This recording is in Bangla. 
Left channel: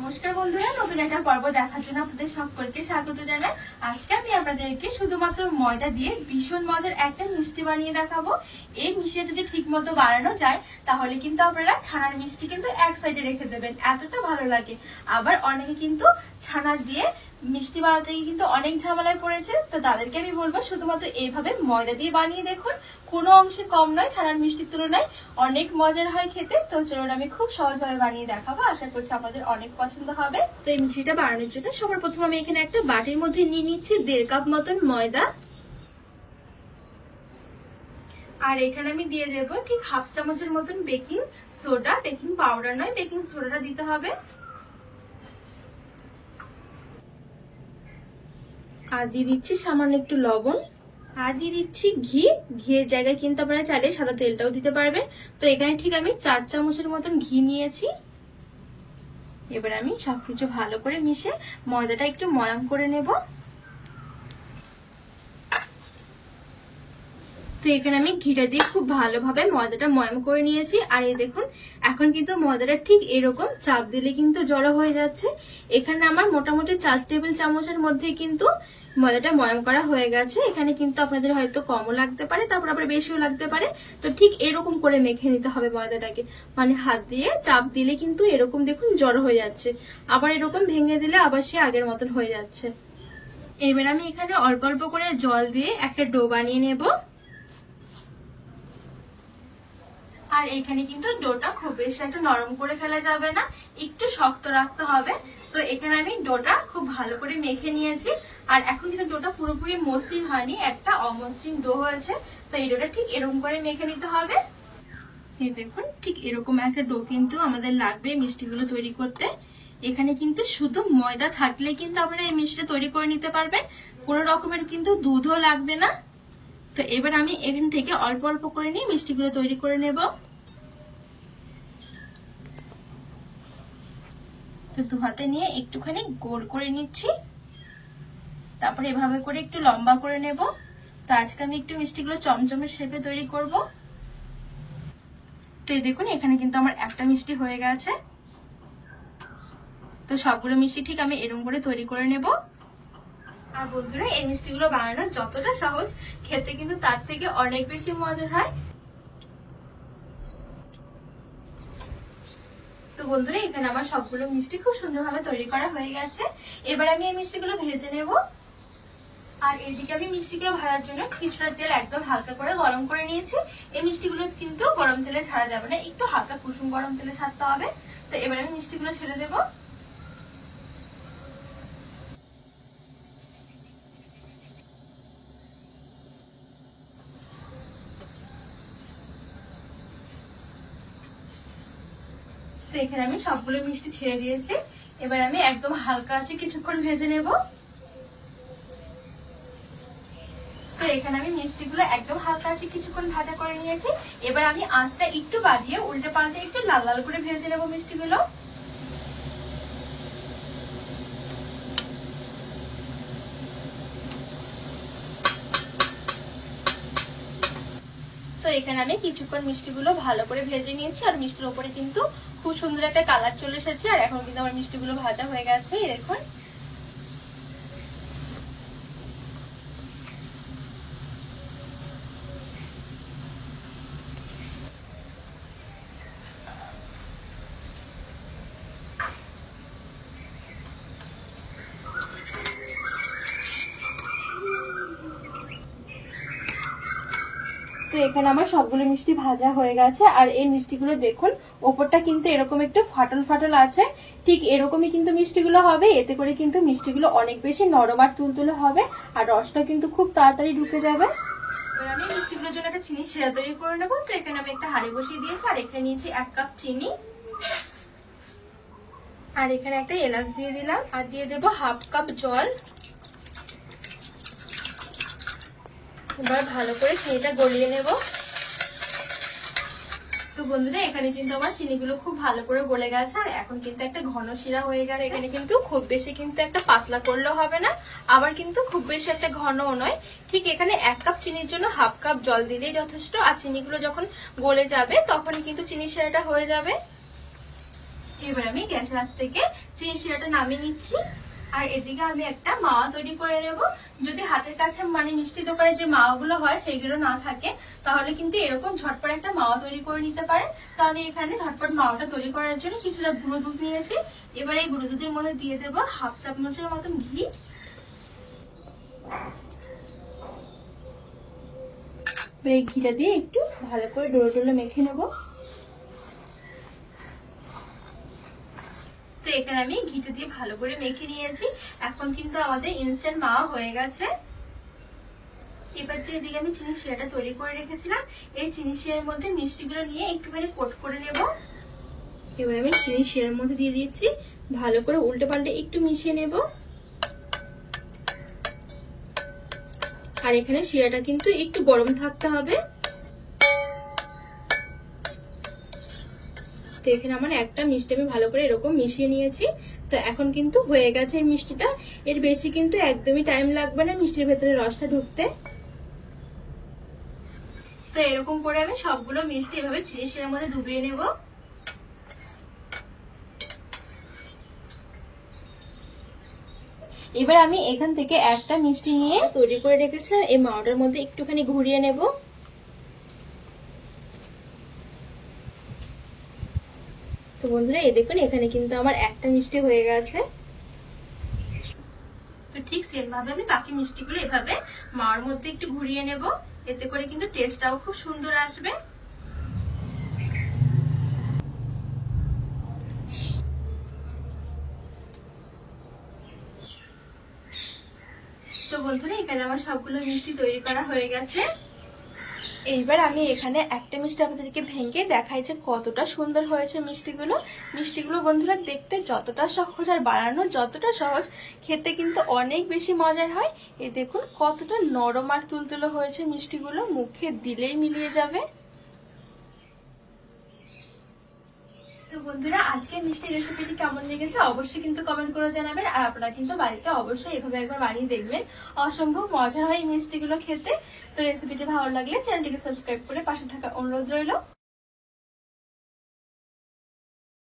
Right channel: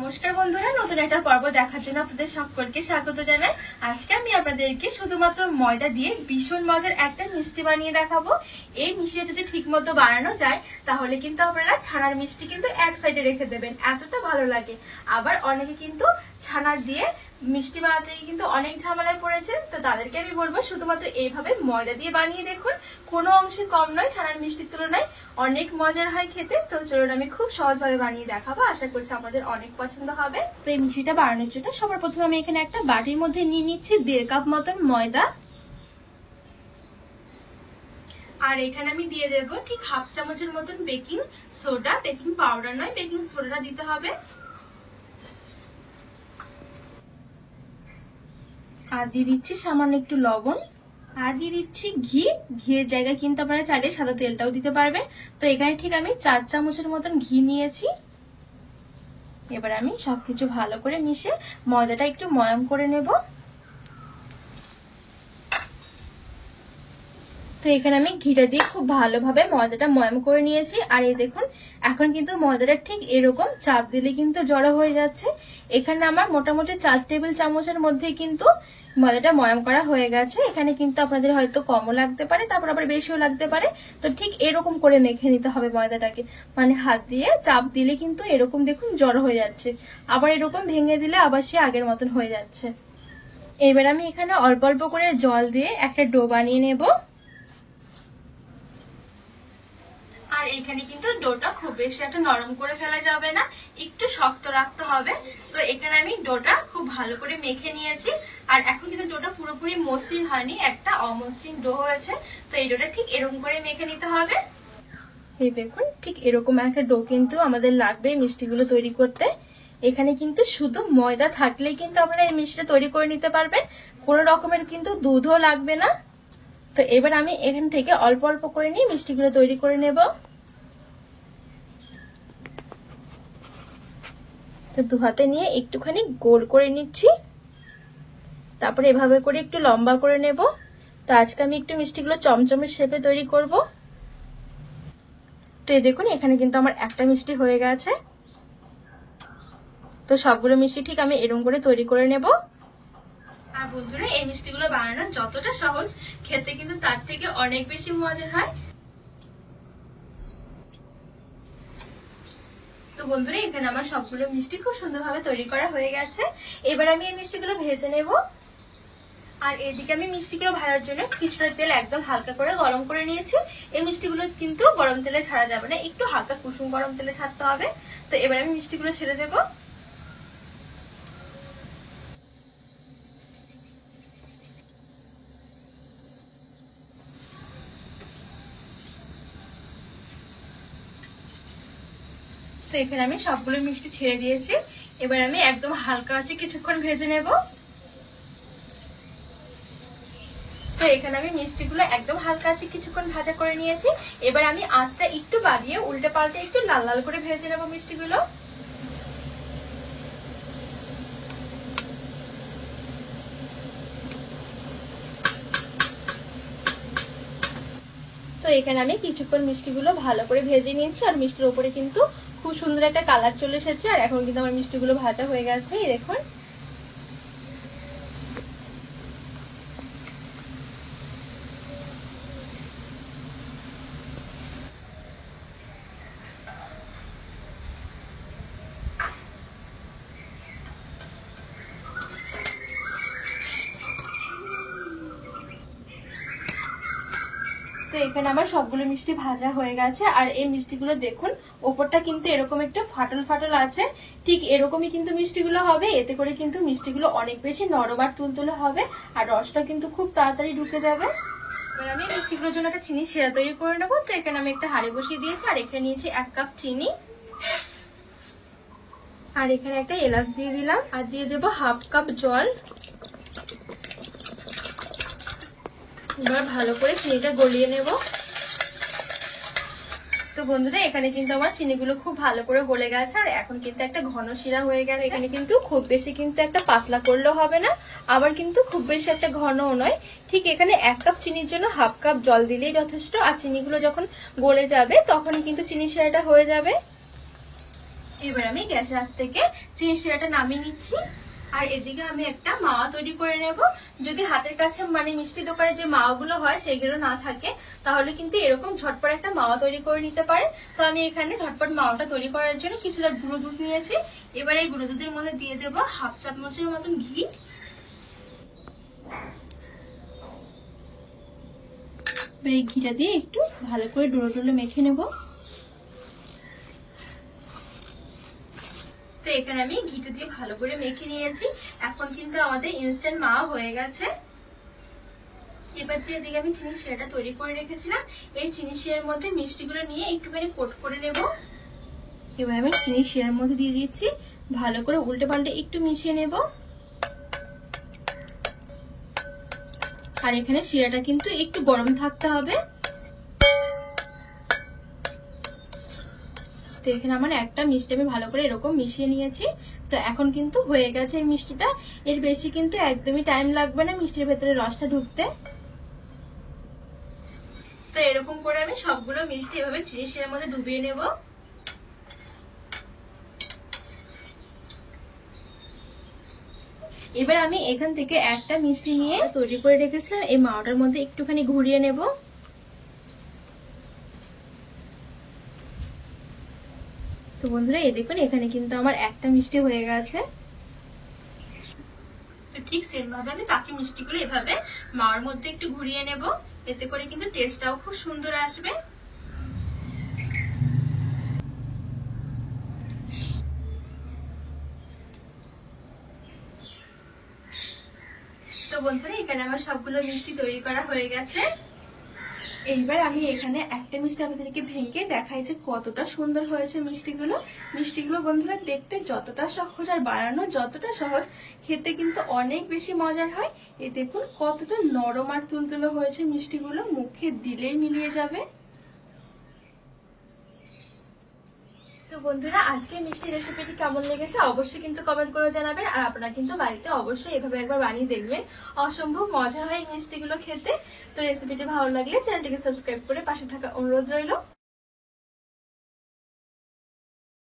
নমস্কার বন্ধুরা, নতুন একটা পর্ব দেখার জন্য আপনাদের সকলকে স্বাগত জানাই। আজকে আমি আপনাদেরকে শুধুমাত্র ময়দা দিয়ে ভীষণ মজার একটা মিষ্টি বানিয়ে দেখাবো। এই মিষ্টি যদি ঠিক মতো বানানো যায় তাহলে কিন্তু আপনারা ছানার মিষ্টি কিন্তু এক সাইডে রেখে দেবেন, এতটা ভালো লাগে। আবার অনেকে কিন্তু ছানা দিয়ে মিষ্টি বানাতে কিন্তু অনেক ঝামেলায় পড়েছে, তো তাদেরকে আমি বলবো শুধুমাত্র এইভাবে ময়দা দিয়ে বানিয়ে দেখুন। কোনো অংশে কম নয়, ছানার মিষ্টির তুলনায় অনেক মজার হয় খেতে। তো চলুন আমি খুব সহজভাবে বানিয়ে দেখাবো, আশা করছি আপনাদের অনেক পছন্দ হবে। তো এই মিষ্টিটা বানানোর জন্য সবার প্রথমে আমি এখানে একটা বাটির মধ্যে নিয়ে নিচ্ছি 1.5 কাপ মতন ময়দা। আর এখানে আমি দিয়ে দেবো ঠিক 1/2 চামচের মতন বেকিং সোডা, বেকিং পাউডার নয়, বেকিং সোডাটা দিতে হবে। আর দিয়ে দিচ্ছি সামান্য একটু লবণ, আর দিয়ে দিচ্ছি ঘি। ঘিয়ের জায়গায় কিন্তু আপনারা চাইলে সাদা তেলটাও দিতে পারবেন। তো এখানে ঠিক আমি 4 চামচের মতন ঘি নিয়েছি। এবার আমি সবকিছু ভালো করে মিশে ময়দাটা একটু ময়াম করে নেব। তো এখানে আমি ঘিটা দিয়ে খুব ভালোভাবে ময়দাটা ময়াম করে নিয়েছি। আর এই দেখুন, এখন কিন্তু ময়দাটা ঠিক এরকম চাপ দিলে কিন্তু জড়ো হয়ে যাচ্ছে। এখানে আমার মোটামুটি 4 টেবিল চামচের মধ্যে কিন্তু ময়দাটা ময়াম করা হয়ে গেছে। এখানে কিন্তু আপনাদের হয়তো কমও লাগতে পারে, তারপর আবার বেশিও লাগতে পারে। তো ঠিক এরকম করে মেখে নিতে হবে ময়দাটাকে, মানে হাত দিয়ে চাপ দিলে কিন্তু এরকম দেখুন জড়ো হয়ে যাচ্ছে, আবার এরকম ভেঙে দিলে আবার সে আগের মতন হয়ে যাচ্ছে। এবার আমি এখানে অল্প অল্প করে জল দিয়ে একটা ডো বানিয়ে নেব। আর এখানে কিন্তু ডোটা খুব বেশি একটা নরম করে ফেলা যাবে না, একটু শক্ত রাখতে হবে। তো এখানে আমি ডোটা খুব ভালো করে মেখে নিয়েছি। আর এখন কিন্তু ডোটা পুরোপুরি মসৃণ হয়নি, একটা অমসৃণ ডো হয়েছে। তো এই ডোটা ঠিক এরকম করে মেখে নিতে হবে। এই দেখুন, ঠিক এরকম একটা ডো কিন্তু আমাদের লাগবে মিষ্টিগুলো তৈরি করতে। এখানে কিন্তু শুধু ময়দা থাকলে কিন্তু আপনারা এই মিষ্টিটা তৈরি করে নিতে পারবেন, কোনো রকমের কিন্তু দুধও লাগবে না। তো এবার আমি এখান থেকে অল্প অল্প করে নিয়ে মিষ্টিগুলো তৈরি করে নেব। তো 2 হাতে নিয়ে একটুখানি গোল করে নিচ্ছি, তারপরে এভাবে করে একটু লম্বা করে নেব। তো আজকে আমি একটু মিষ্টিগুলো চমচমের শেপে তৈরি করব। তো এই দেখুন, এখানে কিন্তু আমার একটা মিষ্টি হয়ে গেছে। তো সবগুলো মিষ্টি ঠিক আমি এরকম করে তৈরি করে নেব। আর বন্ধুরা, এই মিষ্টিগুলো বানানো যতটা সহজ, খেতে কিন্তু তার থেকে অনেক বেশি মজার হয়। তো বন্ধুরা, এখানে আমার সবগুলো মিষ্টি খুব সুন্দরভাবে তৈরি করা হয়ে গেছে। এবার আমি এই মিষ্টিগুলো ভেজে নেব। আর এদিকে আমি মিষ্টিগুলো ভাজার জন্য কিছুটা তেল একদম হালকা করে গরম করে নিয়েছি। এই মিষ্টিগুলো কিন্তু গরম তেলে ছাড়া যাবে না, একটু হালকা কুসুম গরম তেলে ছাড়তে হবে। তো এবার আমি মিষ্টিগুলো ছেড়ে দেবো। তো এখানে আমি সবগুলো মিষ্টি ছেড়ে দিয়েছি। এবার আমি একদম হালকা আছে কিছুক্ষণ ভেজে নেব। তো এখানে আমি মিষ্টিগুলো একদম হালকা আছে কিছুক্ষণ ভাজা করে নিয়েছি। এবার আমি আঁচটা একটু বাড়িয়ে উল্টে পাল্টে একটু লাল লাল করে ভেজে নেব মিষ্টিগুলো। তো এখানে আমি কিছুক্ষণ মিষ্টিগুলো ভালো করে ভেজে নিয়েছি। আর মিষ্টির উপরে কিন্তু খুব সুন্দর একটা কালার চলে এসেছে। আর এখন কিন্তু আমার মিষ্টিগুলো ভাজা হয়ে গেছে, এই দেখুন। তো এখানে আমার সবগুলো মিষ্টি ভাজা হয়ে গেছে। আর এই মিষ্টিগুলো দেখুন, ওপরটা কিন্তু এরকম একটু ফাটল ফাটল আছে, ঠিক এরকমই কিন্তু মিষ্টিগুলো হবে। এতে করে কিন্তু মিষ্টিগুলো অনেক বেশি নরম আর তুলতুলে হবে, আর রসটা কিন্তু খুব তাড়াতাড়ি ঢুকে যাবে। এবার আমি মিষ্টিগুলোর জন্য একটা চিনি শিরা তৈরি করে নেবো। তো এখানে আমি একটা হাঁড়ি বসিয়ে দিয়েছি, আর এখানে নিয়েছি 1 কাপ চিনি। আর এখানে একটা এলাচ দিয়ে দিলাম, আর দিয়ে দেবো 1/2 কাপ জল। এবার ভালো করে চিনিটা গলিয়ে নেব। তো বন্ধুরা, এখানে কিন্তু আমার চিনিগুলো খুব ভালো করে গলে গেছে। আর এখন কিন্তু একটা ঘন শিরা হয়ে গেছে। এখানে কিন্তু খুব বেশি কিন্তু একটা পাতলা করলেও হবে না, আবার কিন্তু খুব বেশি একটা ঘনও নয়। ঠিক এখানে 1 কাপ চিনির জন্য 1/2 কাপ জল দিলেই যথেষ্ট। আর চিনিগুলো যখন গলে যাবে তখনই কিন্তু চিনি শিরাটা হয়ে যাবে। এবার আমি গ্যাসের আঁচ থেকে চিনি শিরাটা নামিয়ে নিচ্ছি। আর এদিকে আমি একটা মাওয়া তৈরি করে নেব। যদি হাতের কাছে মানে মিষ্টি দোকানে যে মাওয়াগুলো হয় সেগুলো না থাকে, তাহলে কিন্তু এরকম ঝটপট একটা মাওয়া তৈরি করে নিতে পারে। তো আমি এখানে ঝটপট মাওয়াটা তৈরি করার জন্য কিছুটা গুঁড়ো দুধ নিয়েছি। এবার এই গুঁড়ো দুধের মধ্যে দিয়ে দেবো 1/2 চামচের মতন ঘি। এই ঘিটা দিয়ে একটু ভালো করে ডোলে ডোলে মেখে নেব। তো এখানে আমি ঘিটা দিয়ে ভালো করে মেখে নিয়েছি। এখন কিন্তু আমাদের ইনস্ট্যান্ট মাওয়া হয়ে গেছে। এবার দিয়ে এদিকে আমি চিনি শিরাটা তৈরি করে রেখেছিলাম, এই চিনি শিরার মধ্যে মিষ্টিগুলো নিয়ে একটুখানি কোট করে নেব। এবার আমি চিনি শিরার মধ্যে দিয়ে দিচ্ছি, ভালো করে উল্টে পাল্টে একটু মিশিয়ে নেব। আর এখানে শিরাটা কিন্তু একটু গরম থাকতে হবে। তো এখানে আমার একটা মিষ্টি আমি ভালো করে এরকম মিশিয়ে নিয়েছি। তো এখন কিন্তু হয়ে গেছে এই মিষ্টিটা। এর বেশি কিন্তু একদমই টাইম লাগবে না মিষ্টির ভেতরে রসটা ঢুকতে। তো এরকম করে আমি সবগুলো মিষ্টি এভাবে চিনি শিরার মধ্যে ডুবিয়ে নেব। এবার আমি এখান থেকে একটা মিষ্টি নিয়ে তৈরি করে রেখেছি, এই মাওয়াটার মধ্যে একটুখানি ঘুরিয়ে নেব। তো বন্ধুরা এই দেখুন এখানে কিন্তু আমার একটা মিষ্টি হয়ে গেছে। তো ঠিক সেম ভাবে আমি বাকি মিষ্টিগুলো এভাবে মাওয়ার মধ্যে একটু ঘুরিয়ে নেব, এতে করে কিন্তু টেস্টটাও খুব সুন্দর আসবে। তো বন্ধুরা এখানে আমার সবগুলো মিষ্টি তৈরি করা হয়ে গেছে। এইবার আমি এখানে একটা মিষ্টি আপনাদেরকে ভেঙে দেখাই যে কতটা সুন্দর হয়েছে মিষ্টিগুলো। মিষ্টিগুলো বন্ধুরা দেখতে যতটা সহজ আর বানানো যতটা সহজ, খেতে কিন্তু অনেক বেশি মজার হয়। এই দেখুন কতটা নরম আর তুলতুলো হয়েছে মিষ্টিগুলো, মুখে দিলেই মিলিয়ে যাবে। তো বন্ধুরা আজকে মিষ্টি রেসিপিটি কেমন লেগেছে অবশ্যই কিন্তু কমেন্ট করে জানাবেন। আর আপনারা কিন্তু বাড়িতে অবশ্যই এভাবে একবার বানিয়ে দেখবেন, অসম্ভব মজার হয় এই মিষ্টিগুলো খেতে। তো রেসিপিটি ভালো লাগলে চ্যানেলটিকে সাবস্ক্রাইব করে পাশে থাকা অনুরোধ রইল।